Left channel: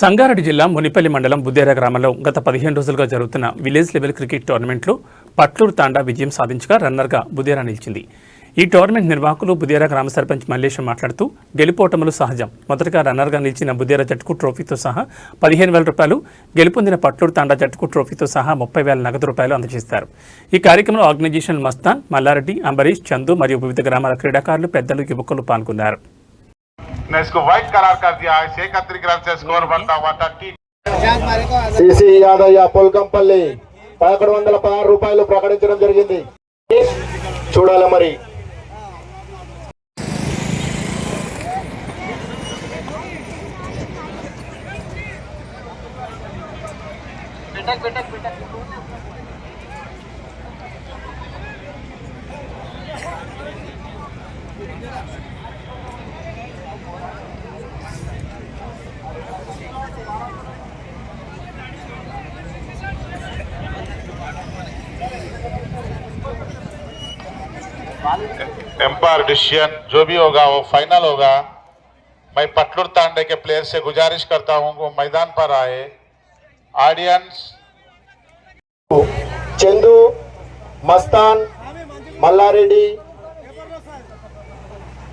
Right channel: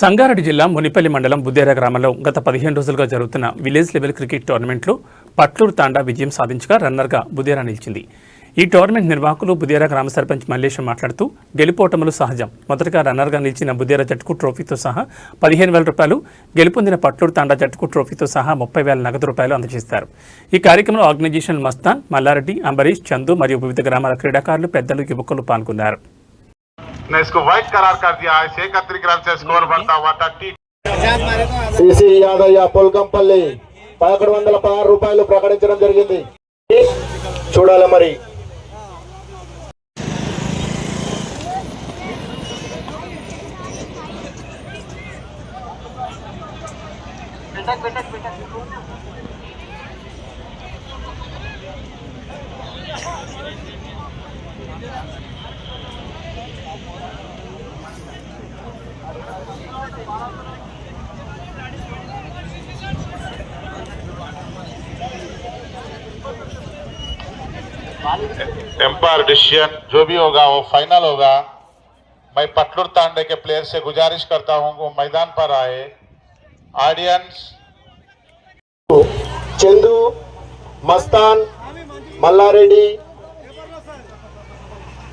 సంగారెడ్డి జిల్లా మునిపల్లి మండలం బుద్దేరా గ్రామంలో గత పదిహేను రోజులుగా జరుగుతున్న విలేజ్ లెవెల్ క్రికెట్ టోర్నమెంట్లో పట్లూరు తాండా విజయం సాధించగా రన్నర్గా బుదేరా నిలిచింది. ఈ టోర్నమెంట్ నిర్వాహకులు బుదేరా గ్రామ సర్పంచ్ మల్లేశం మాట్లాడుతూ గెలుపోటములు సహజం. మొదటగా రన్నర్గా నిలిచిన బుదేరా జట్టుకు ట్రోఫీతో సహా పదిహేను వేల రూపాయలు గెలుపొందిన పట్లూరు తాండా జట్టుకు ట్రోఫీతో సహా ముప్పై వేల నగదు రూపాయలు అందజేస్తారు. ఈ కార్యక్రమంలో ఆర్గనైజేషన్ మస్తాన్ మల్లారెడ్డి అంబరీష్ చందు మరియు వివిధ గ్రామాల క్రీడాకారులు పెద్దలు యువకులు పాల్గొన్నారు. ने इसको व्हाइट करार कर दिया है छह इकतीस रन से स्कोर बढ़ता हुआ था टी సిసి యాదయ్య పొల్కంపల్లి పదకొండు వందల పదహారు రూపాయలు ప్రకటించడం జరిగింది చూడాలి మరి एम्पायर डिसीजन जो भी होगा वो फाइनल होगा मैं पटलूर तांडे के प्लेयर से गुजारिश करता हूँ वो मैदान पर आए ऑडियंस చందు మస్తాన్ మల్లారెడ్డి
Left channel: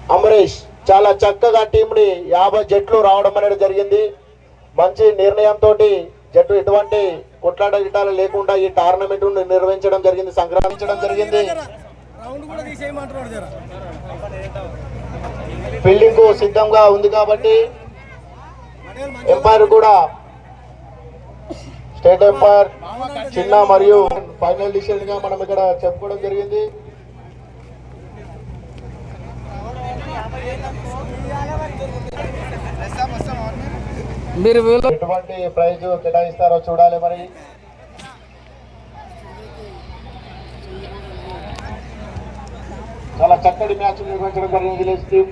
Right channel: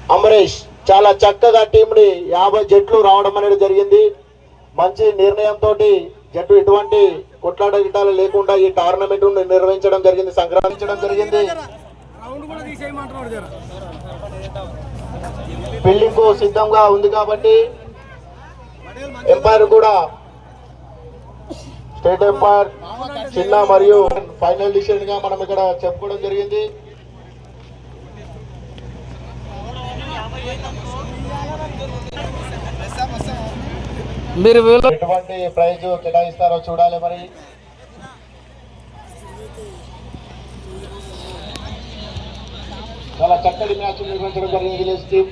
అమరేష్ చాలా చక్కగా టీంని యాభై జట్లు రావడం అనేది జరిగింది మంచి నిర్ణయంతో జట్టు ఎటువంటి కొట్లాట గిట్టాలు లేకుండా ఈ టోర్నమెంట్ నిర్వహించడం జరిగింది సంక్రమించడం జరిగింది ఫీల్డింగ్ సిద్ధంగా ఉంది కాబట్టి ఎంపైర్ కూడా స్టేట్ ఎంపైర్ చిన్న మరియు ఫైనల్ డిసిషన్గా మనం ఇక్కడ చెప్పుకోవడం జరిగింది. మీరు ఎటువంటి ప్రైజ్ కేటాయిస్తారో చూడాలి మరి. చాలా చక్కటి మ్యాచ్ నిర్వహించడం జరిగింది విలేజ్ టీం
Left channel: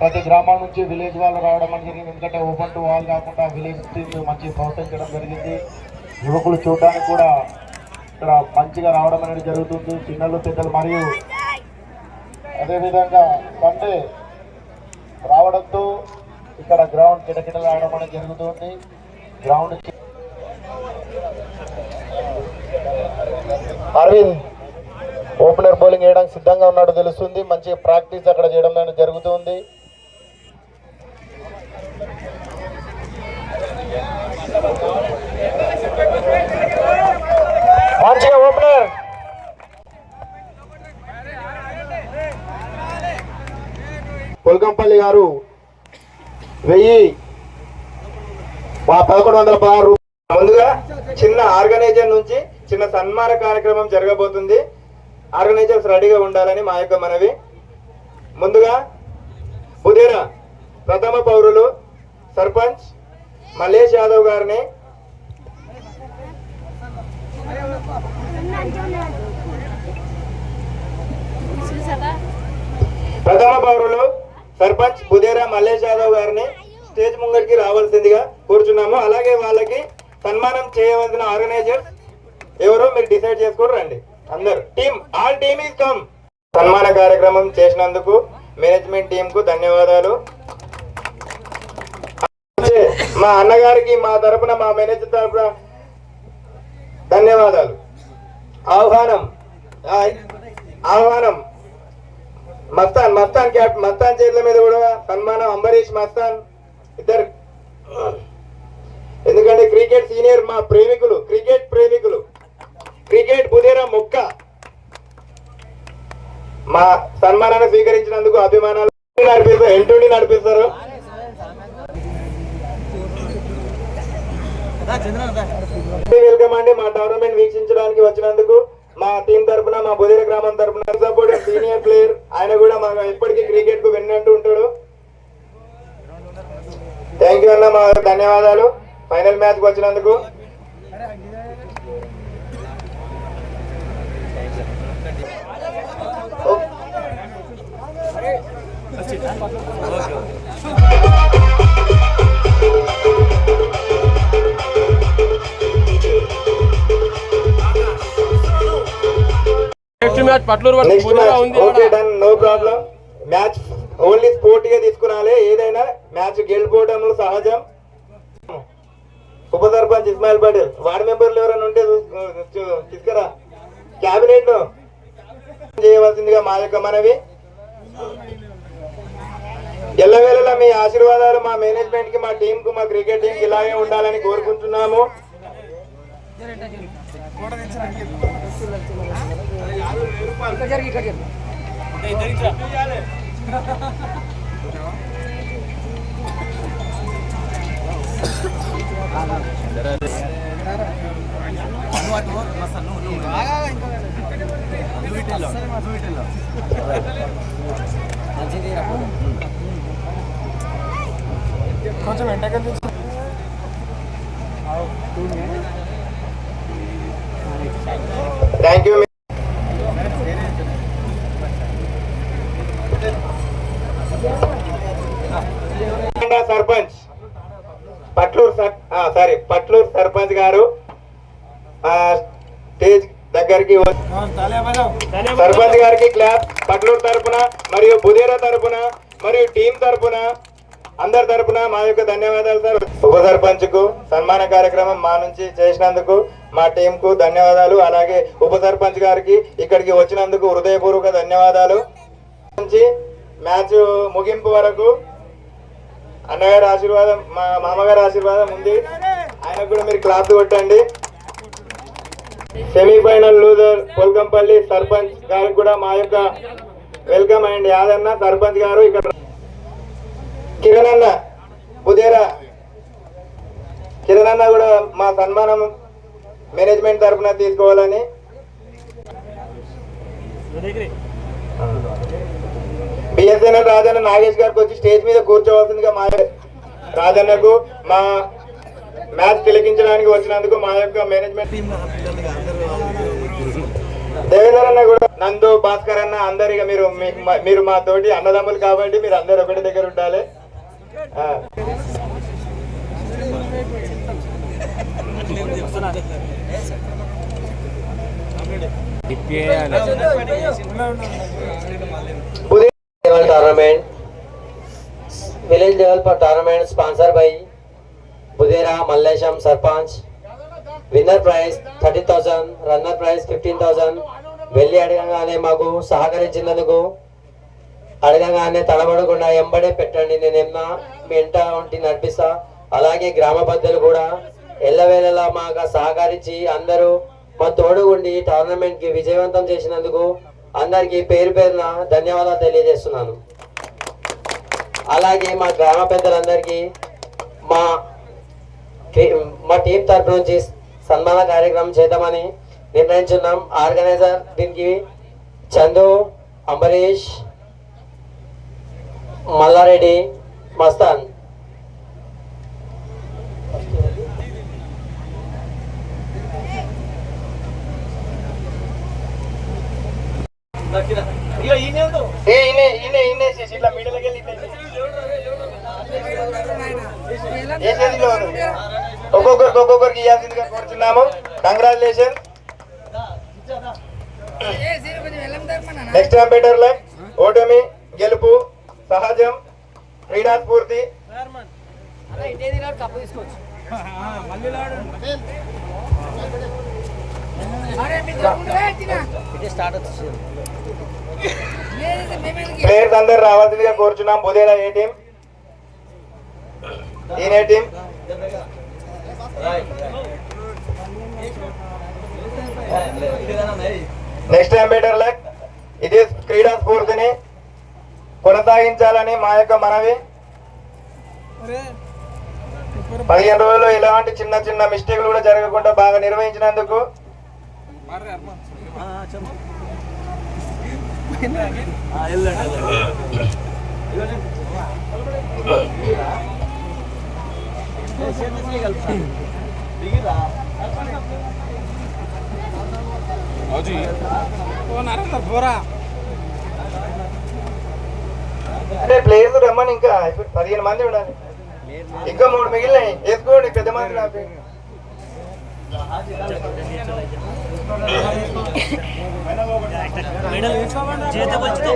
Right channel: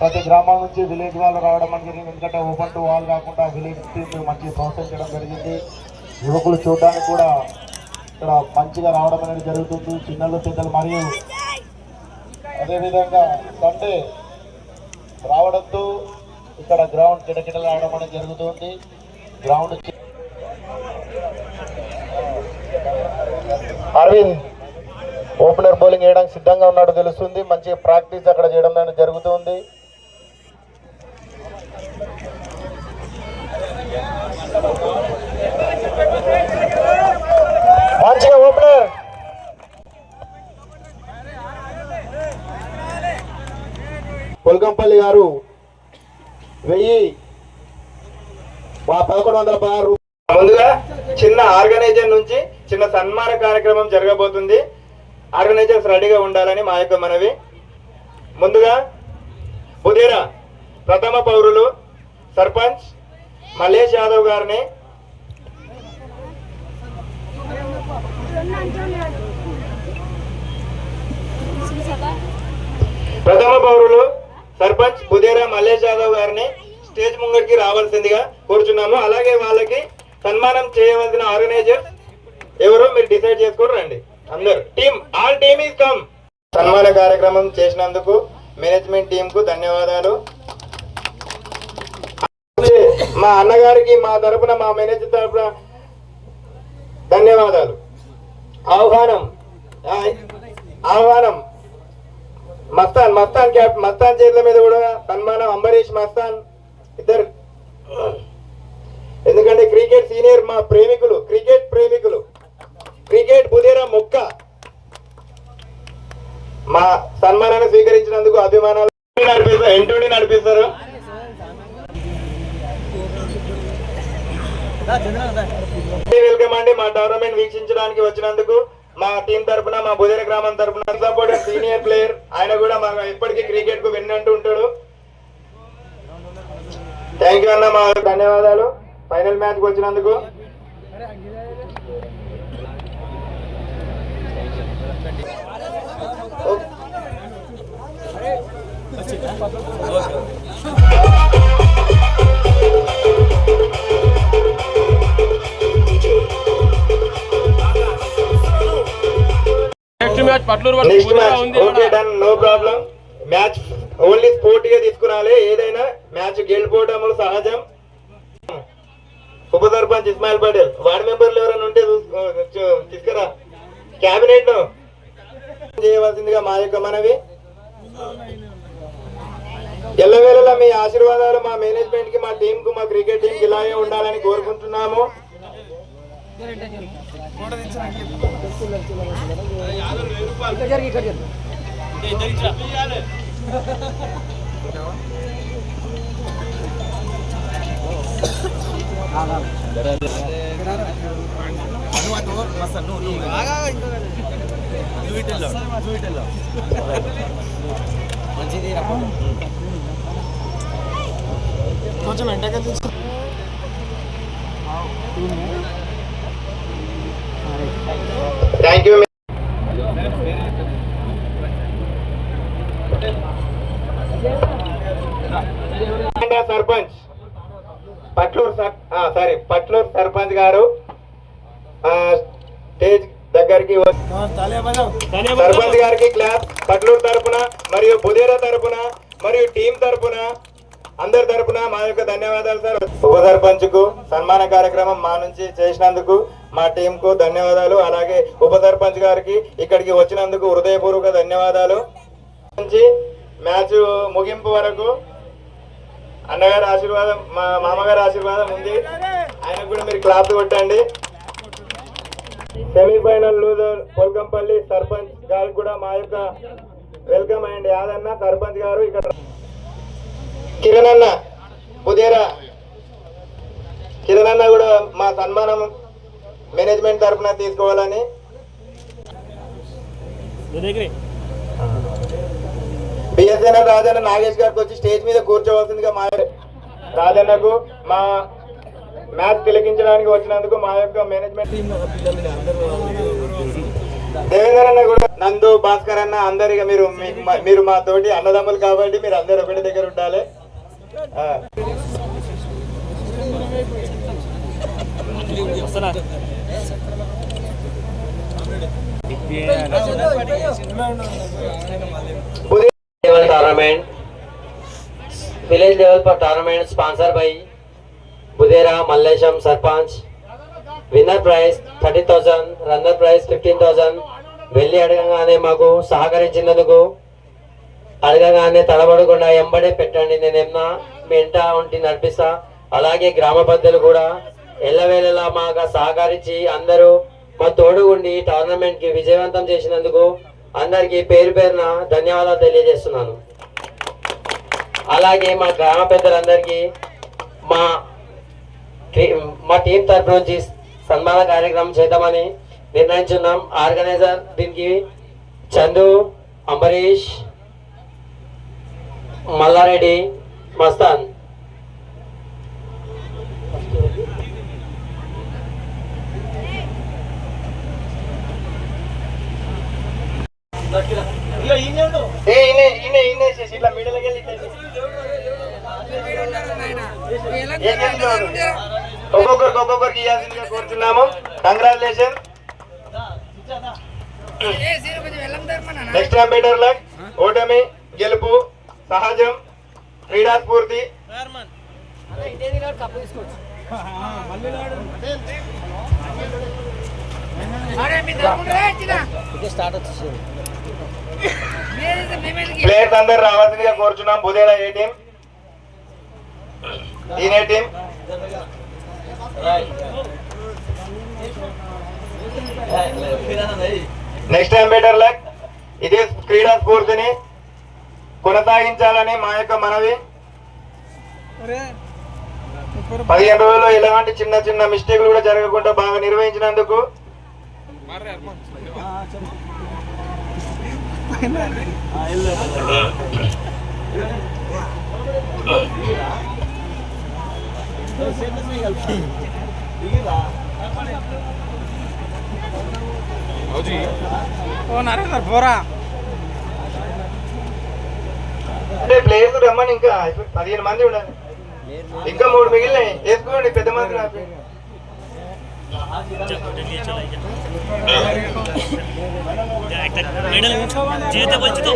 ప్రతి గ్రామం నుంచి విలేజ్ వాళ్ళు రావడం అనేది జరిగింది ఎందుకంటే ఓపెన్ టు వాల్ కాకుండా విలేజ్ టీం మంచి ప్రోత్సహించడం జరిగింది. యువకులు చూడడానికి కూడా ఇక్కడ మంచిగా రావడం అనేది జరుగుతుంది. చిన్నలు పెద్దలు మరియు అదేవిధంగా సండే రావడంతో ఇక్కడ గ్రౌండ్ కిటకిటలు రావడం అనేది జరుగుతుంది. గ్రౌండ్ అరవింద్ ఓపెనర్ బౌలింగ్ వేయడానికి సిద్ధంగా ఉన్నాడు తెలుస్తుంది. మంచి ప్రాక్టీస్ అక్కడ చేయడం అనేది జరుగుతుంది. మంచిగా ఓపెనర్. కొల్కంపల్లి గారు వెయ్యి మా పదకొండు వందల పదహారు ముందుగా చిన్న ఆర్గనైజర్ నుంచి చిన్న సన్మాన కార్యక్రమం జరగబోతుంది. ఆర్గనైజర్స్ రెడీగా ఉండాలని మా యొక్క మనవి. ముందుగా బుధేరా ప్రథమ పౌరులు సర్పంచ్ మల్లేష్ యాదవ్ గారిని ప్రథమ పౌరులు సర్పంచ్ బుధేరా మల్లేష్ యాదవ్ గారిని స్టేజ్ ముంగడికి రావాల్సిందిగా కోరుచున్నాము. అలాగే వాళ్ళకి సన్మానం చేయవలసిన ఆర్గనైజర్ ఎవరో మీరు డిసైడ్ చేసుకుని రండి. అందరు. Team all team is come సన్మాన కార్యక్రమం చేసినందుకు మేనేజ్మెంట్ టీం కు ధన్యవాదాలు. మా అన్నగారికి మా తరపున మా మేనేజర్ తరపున ధన్యవాదాలు. ఆహ్వానం. ఆహ్వానం. మస్తాన్ మస్తాన్ క్యాప్ మస్తాన్ చేతుల మీద కూడా సన్మానం. అంబరీష్ మస్తాన్ ఇద్దరు. ఎందుకంటే క్రికెట్ సీనియర్ మా ప్రేమికులు క్రికెట్ ప్రేమికులు. క్రికెట్ బుదేరా మొక్క. మా సన్మానాన్ని స్వీకరించినందుకు అభిమానాలు. నడిపిస్తారు ఎంటుండి నడిపిస్తారు. వెల్కమ్ అండి. మా టోర్నమెంట్ వీక్షించడానికి వచ్చినందుకు మా టీం తరఫున మా బుదేర గ్రామం తరఫున సపోర్ట్ సీనియర్ ప్లేయర్ ఆయన కూడా మా ఎప్పటికీ క్రికెట్కు విన్నట్టు ఉంటాడు. థ్యాంక్ యూ అన్న మా ధన్యవాదాలు. ఫైనల్ మ్యాచ్ వచ్చినందుకు. Next match Patluru next match okay done no problem match only స్పోర్ట్గా తీసుకురాలి. ఏదైనా మ్యాచ్ గెలిపోవడం సహజం. ఉప సర్పంచ్ ఇస్మాయిల్ పటేల్ వార్డు మెంబర్లు ఎవరైనా ఉంటే తీసుకురా. క్యాబినెట్ చేయవలసిందిగా మా యొక్క మనవి. ఎల్లవేళలా మీ ఆశీర్వాదాలు మా మేనేజ్మెంట్కి మా టీం కు మా క్రికెట్ టీం కి ఇలాగే ఉండాలని కోరుకుంటున్నాము. Thank you sarpanch. పట్లూరు సర్- సారీ పట్లూరు సర్పంచ్ గారు గారికి సర్పంచ్ గారికి క్లాప్ పట్లూరు తరపున మరియు బుధేర తరపున మరియు టీం తరపున అందరి తరపున మా యొక్క ధన్యవాదాలు సార్. ఉప సర్పంచ్కు సన్మాన కార్యక్రమం మా నుంచి చేసినందుకు మా టీం కు ధన్యవాదాలు. అలాగే ఉప సర్పంచ్ గారికి ఇక్కడికి వచ్చినందుకు హృదయపూర్వక ధన్యవాదాలు. నుంచి మ్యాచ్ ముగింపు వరకు అన్నగారి ఆశీర్వాదం మా మామగారి ఆశీర్వాదం ఉంది. ఆయనకు కూడా మీరు క్లాప్ కొట్టండి. సెమీఫైనల్ లూజర్ పొల్కంపల్లి సర్పంచ్ గారికి కూడా మా యొక్క వెల్కమ్ అండ్ యాదన్న సర్పంచ్ గారు ఇక్కడ. కిరణ్ అన్న బుదేరా కిరణ్ అన్న కూడా మా సన్మానం మేనేజ్మెంట్ తరఫున తీసుకోవాలని. బిఎస్ఎన్ఎల్ రాజన్న నాగేష్ గారికి వచ్చి స్టేజ్ మీద కూర్చోవలసిందిగా మా రాజన్నకు మా మ్యాచ్ తిలకించడానికి వచ్చినందుకు మా యొక్క మేనేజ్మెంట్ దేవేంద్ర అన్న కూడా నందు భాస్కర్ అన్న అందరిగా మీరు మీరు మా తోటి అన్నదమ్ములు కాబట్టి మీరు అందరు ఒకటి దగ్గర ఉండాలి ఆ. ఉదయం level tournament village level for Mallesham sarpanch winner prize thirty thousand runner prize fifteen thousand వెళ్ళి అడగగానే మాకు సహకరించినందుకు అడగగానే తడబడకుండా ఎంబడే పెట్టండి. నేనేమన్నా మీ ఇంట ఉంటే నడిపిస్తా. అలాగే గ్రామ పెద్దలు కూడా ఎల్లవేళలా మాకు సహకరించి అందరూ మా తోడు ఉండి టోర్నమెంట్కి విజయవంతం చేసినందుకు అందరికీ పేరు పేరున ధన్యవాదాలు తెలియజేస్తున్నాను. అలాగే మా గ్రామ పెద్దలందరికీ మా మా టీం తరపు నుంచి సన్మాన కార్యక్రమం చేద్దామని నిర్ణయించున్నాం. ఆర్గనైజర్ దీనికి చందు అంబరీష్ మల్లారెడ్డి మస్తాన్. ఇట్లా ఒక్కొక్కరికి ఒక్కొక్కరికి ఇవ్వాల్సిందిగా కోరుతున్నాము. కంగ్రాచులేషన్ నెక్స్ట్ అంబేడర్ లక్ ఓటమి గెలుపు సహజం క్రీడా స్ఫూర్తి. ప్లేయర్స్ అందరు రావాల్సిందిగా కోరుచున్నాం. బుధేడ ఏ టీం ఈయన టీం నెక్స్ట్ అంబేటర్ లక్ ఇది క్రీడా స్ఫూర్తిని కొనసాగించాలని మా యొక్క మనవి. పదిహేను రోజుల్లో ఎలాంటి చిన్న చిన్న మిస్టేక్లు కూడా జరగకుండా బాగా నిర్వహించినందుకు. ఓ పోరా అంటే ప్లేయర్స్ రమ్మని ఇంకా పదిహేను మంది ఉండాలి. ఇంకా మూడు మిగిలినాయి. వేసుకోండి పెద్ద మంది నాకు মেডাল যেতে বলছি তো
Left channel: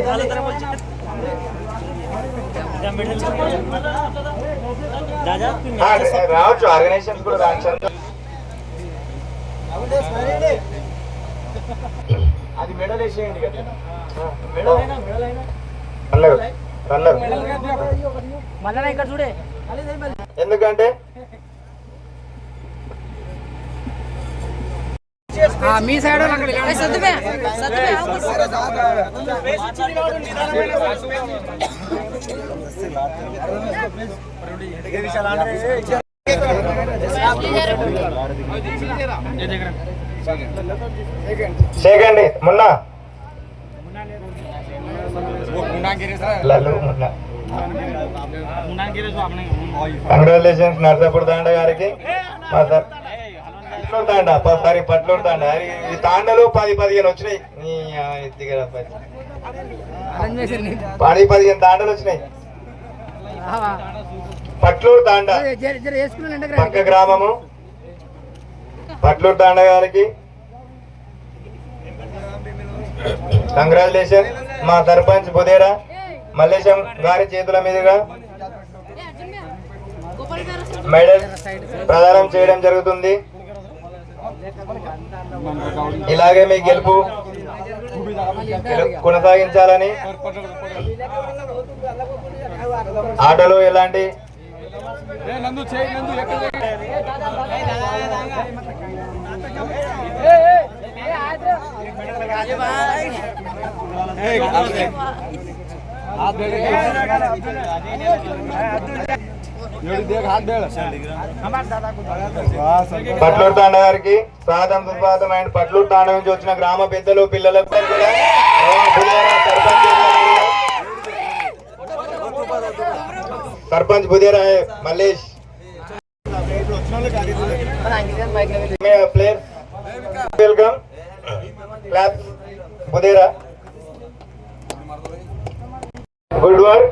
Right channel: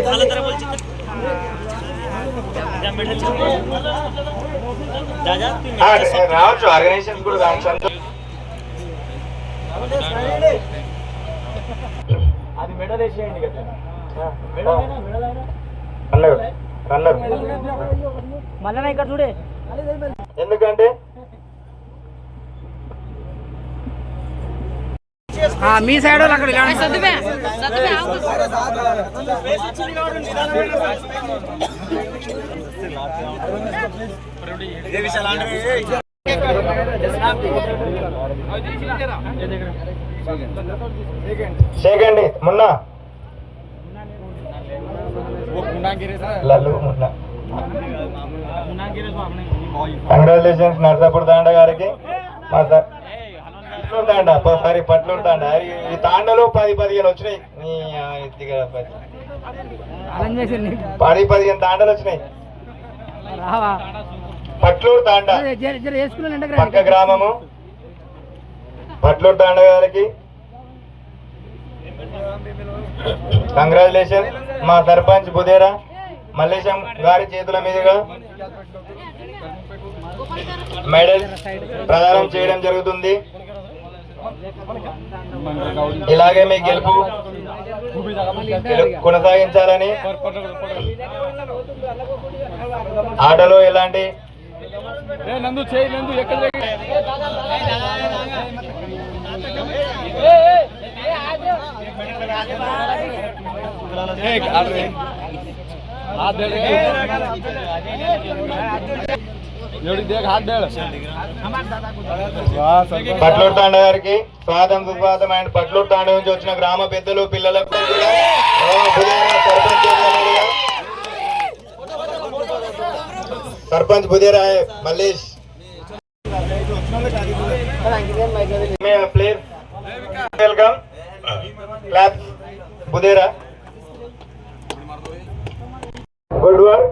రావచ్చు ఆర్గనైజేషన్ కూడా రావచ్చు. అది మెడల్ వేసేయండి కదా. Runner runner. మళ్ళా ఇక్కడ చూడే. ఎందుకంటే మీ సైడ్ అక్కడ సేకండి మున్నా. లల్లు మున్నా. కంగ్రాచులేషన్స్ నర్సాపూర్ తాండ గారికి. మా సార్ పట్లూరు తాండ పట్లూరు తాండ ఈ తాండలు పది పదిహేను వచ్చినాయి. పది. పదిహేను తాండలు వచ్చినాయి. పట్లూరు తాండ. పక్క గ్రామము. పట్లూరు తాండ గారికి కంగ్రాచులేషన్. మా సర్పంచ్ బుదేరా మల్లేశం గారి చేతుల మీదుగా మెడల్ ప్రదానం చేయడం జరుగుతుంది. ఇలాగే మీ గెలుపు కొనసాగించాలని ఆటలో ఎలాంటి ఆ పట్లూరు తాండ గారికి స్వాగతం సుస్వాగతం అండ్ పట్లూరు తాండ నుంచి వచ్చిన గ్రామ పెద్దలు పిల్లలకు sarpanch బుధేరాయ్ Budhera Mallesh. Place welcome clap Budhera. Good work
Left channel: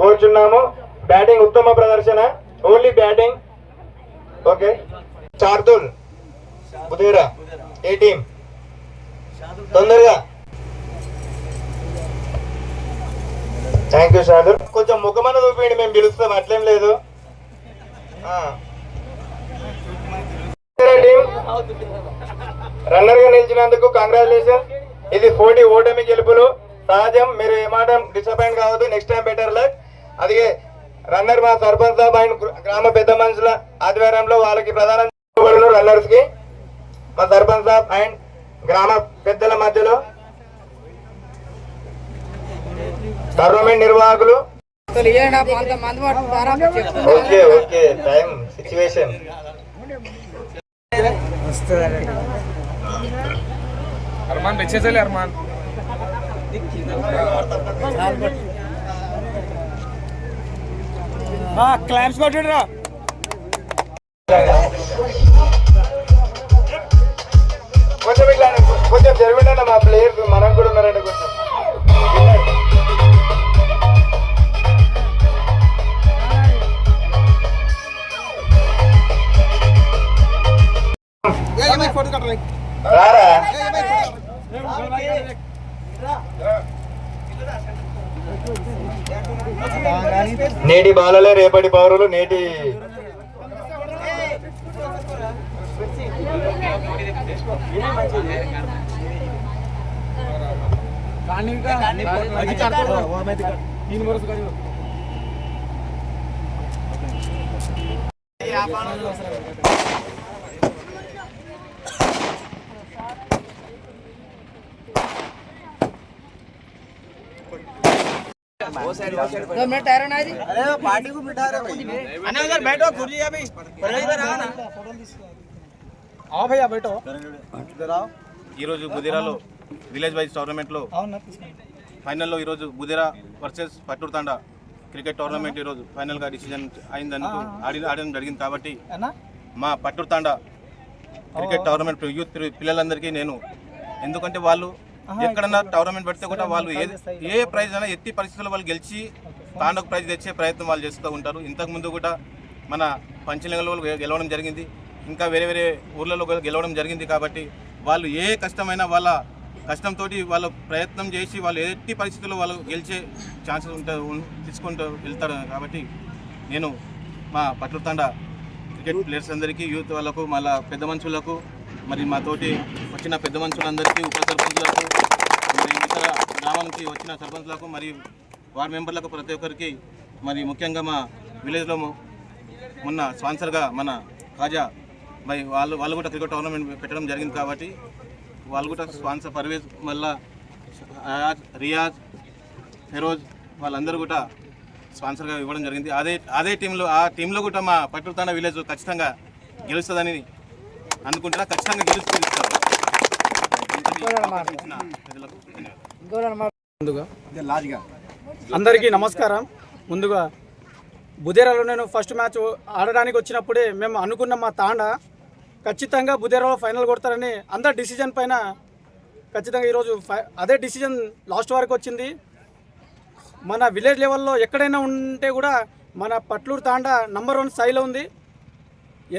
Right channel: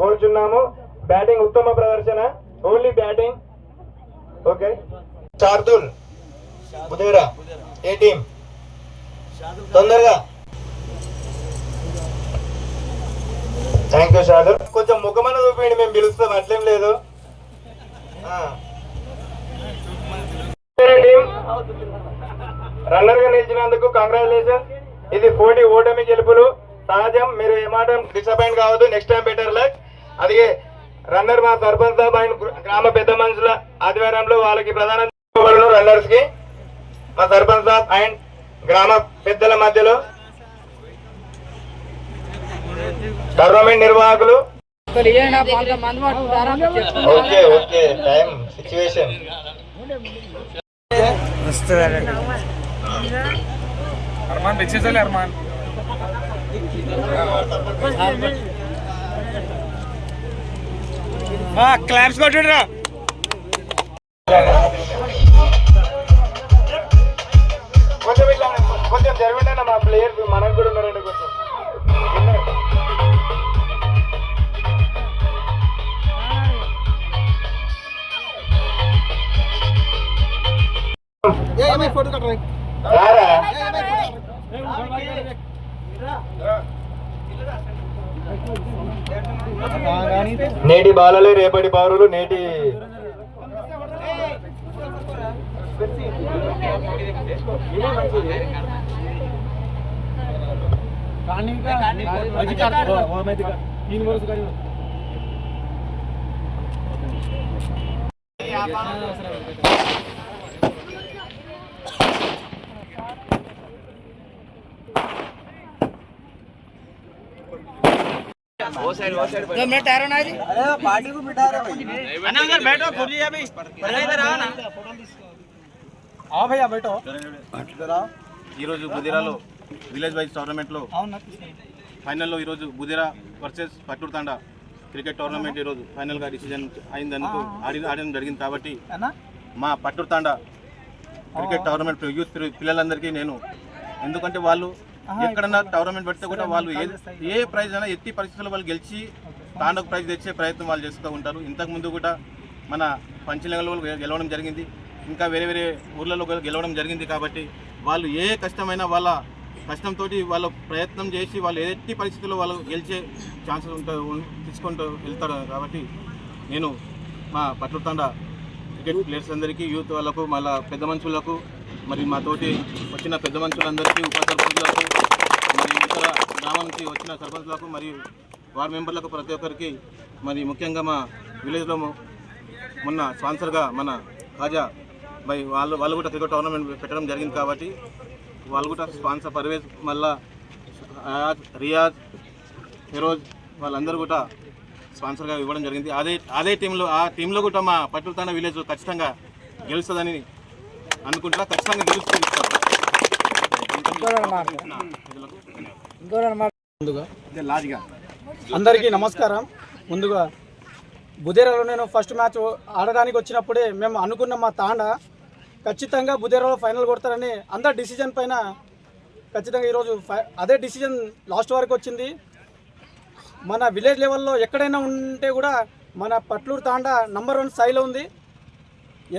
కోరుచున్నాము. బ్యాటింగ్ ఉత్తమ ప్రదర్శన. Only batting. Okay. చార్దుల్ బుధీరా A team తొందరగా. థ్యాంక్ యూ సార్ కొంచెం ముఖమన చూపించండి మేము పిలుస్తాం అట్లేం లేదు. రన్నర్గా నిలిచినందుకు కంగ్రాచులేషన్ ఇది పోటీ ఓటమి గెలుపులు. సహజం మీరు ఏమాటం డిసప్పాయింట్ కావద్దు. నెక్స్ట్ టైం బెటర్ లక్ అదిగే రన్నర్ మా సర్పంచ్ సాబ్ అండ్ గ్రామ పెద్ద మనుషుల ఆధ్వర్యంలో వాళ్ళకి ప్రధానం రన్నర్స్కి మా సర్పంచ్ సాబ్ అండ్ గ్రామ పెద్దల మధ్యలో గవర్నమెంట్ నిర్వాహకులు? Okay okay. Time situation Arman తెచ్చేసాలి Arman claps కొట్టురా కొంచెం ఇట్లా కొంచెం జరిగిందన్న మా ప్లేయర్ మనం కూడా ఉన్నారండి కొంచెం. फोटो कट रही రారా నేటి బాలలే రేపటి పౌరులు నేటి तीन वर्ष का आओ भैया बैठो ఈరోజు బుదిరాలో విలేజ్ వైజ్ టోర్నమెంట్లో ఫైనల్లో ఈరోజు Budira versus Patturu Thanda cricket tournament ఈరోజు ఫైనల్గా డిసిజన్ అయిందనుకు ఆడి ఆడడం జరిగింది కాబట్టి మా Patturu Thanda cricket tournament youth పిల్లలందరికీ నేను ఎందుకంటే వాళ్ళు ఎక్కడన్నా టోర్నమెంట్ పెడితే కూడా వాళ్ళు ఏ ఏ ప్రైజ్ అయినా ఎట్టి పరిస్థితుల్లో వాళ్ళు గెలిచి తాండకు ప్రైజ్ తెచ్చే ప్రయత్నం వాళ్ళు చేస్తూ ఉంటారు. ఇంతకు ముందు కూడా మన పంచనగర్లో గెలవడం జరిగింది. ఇంకా వేరే వేరే ఊర్లలో కూడా గెలవడం జరిగింది కాబట్టి వాళ్ళు ఏ కష్టమైనా వాళ్ళ కష్టంతో వాళ్ళ ప్రయత్నం చేసి వాళ్ళు ఎట్టి పరిస్థితుల్లో వాళ్ళు గెలిచే ఛాన్సెస్ ఉంటుంది తీసుకుంటూ వెళ్తారు కాబట్టి నేను మా పట్లుతాండ క్రికెట్ ప్లేయర్స్ అందరికీ యూత్ వాళ్ళకు మళ్ళా పెద్ద మనుషులకు మరి మా తోటి వచ్చిన పెద్ద మనుషులందరికీ ఉప సర్పంచులకు మరి ఇతర గ్రామం నుంచి వచ్చిన సర్పంచులకు మరియు వార్డ్ మెంబర్లకు ప్రతి ఒక్కరికి మరి ముఖ్యంగా మా విలేజ్లో మొన్న స్పాన్సర్గా మన కాజా బై వాళ్ళు వాళ్ళు కూడా క్రికెట్ టోర్నమెంట్ పెట్టడం జరిగింది కాబట్టి వాళ్ళు కూడా స్పాన్సర్ పర్వేజ్ మళ్ళా అయాజ్ రియాజ్ ఫెరోజ్ వాళ్ళందరూ కూడా స్పాన్సర్గా ఇవ్వడం జరిగింది. అదే అదే టీంలో ఆ టీంలో కూడా మా పట్టుతాన విలేజ్ ఖచ్చితంగా గెలుస్తుందని అనుకుంటున్నా ఖచ్చితంగా. ముందుగా అందరికీ నమస్కారం. ముందుగా బుధేరాలో నేను ఫస్ట్ మ్యాచ్ ఆడడానికి వచ్చినప్పుడే మేము అనుకున్న మా తాండ ఖచ్చితంగా బుధేరాలో ఫైనల్ కొడతారని అందరు డిసిజన్ పైన ఖచ్చితంగా ఈరోజు ఫై- అదే డిసిజన్ లాస్ట్ వరకు వచ్చింది. మన విలేజ్ లెవెల్లో ఎక్కడైనా ఉంటే కూడా మన పట్లూరు తాండ నంబర్ వన్ స్థాయిలో ఉంది.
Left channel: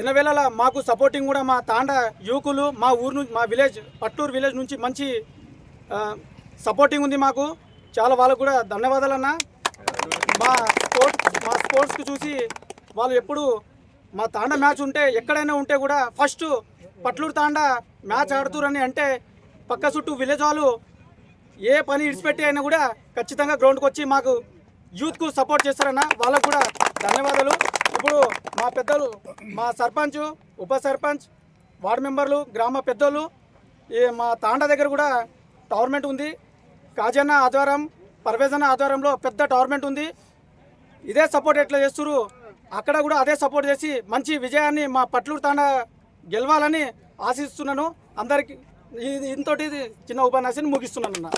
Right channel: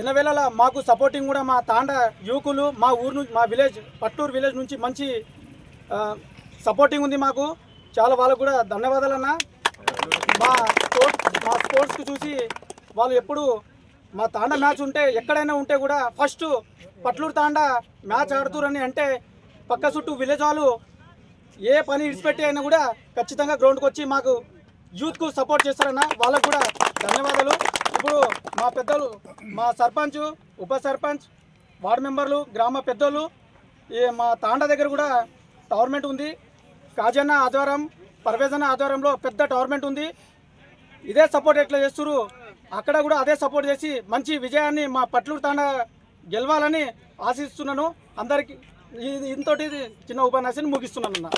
ఎనవేళ మాకు సపోర్టింగ్ కూడా మా తాండ యువకులు మా ఊరు నుంచి మా విలేజ్ పట్టూరు విలేజ్ నుంచి మంచి సపోర్టింగ్ ఉంది మాకు. చాలా వాళ్ళకు కూడా ధన్యవాదాలు అన్న. మా స్పోర్ట్స్ మా స్పోర్ట్స్కి చూసి వాళ్ళు ఎప్పుడు మా తాండ మ్యాచ్ ఉంటే ఎక్కడైనా ఉంటే కూడా ఫస్ట్ పట్లూరు తాండ మ్యాచ్ ఆడుతురని అంటే పక్క చుట్టూ విలేజ్ వాళ్ళు ఏ పని ఇడిచిపెట్టి అయినా కూడా ఖచ్చితంగా గ్రౌండ్కి వచ్చి మాకు యూత్కు సపోర్ట్ చేస్తారన్న వాళ్ళకు కూడా ధన్యవాదాలు. ఇప్పుడు మా పెద్దలు మా సర్పంచ్ ఉప సర్పంచ్ వార్డు మెంబర్లు గ్రామ పెద్దలు ఈ మా తాండా దగ్గర కూడా టవర్నమెంట్ ఉంది. కాజన్న ఆధ్వర్యం పర్వేజన్న ఆధ్వర్యంలో పెద్ద టవర్నమెంట్ ఉంది. ఇదే సపోర్ట్ ఎట్లా చేస్తురు అక్కడ కూడా అదే సపోర్ట్ చేసి మంచి విజయాన్ని మా పట్లూరు తాండా గెలవాలని ఆశిస్తున్నాను. అందరికి ఇంతటి చిన్న ఉపన్యాసాన్ని ముగిస్తున్నాను అన్న.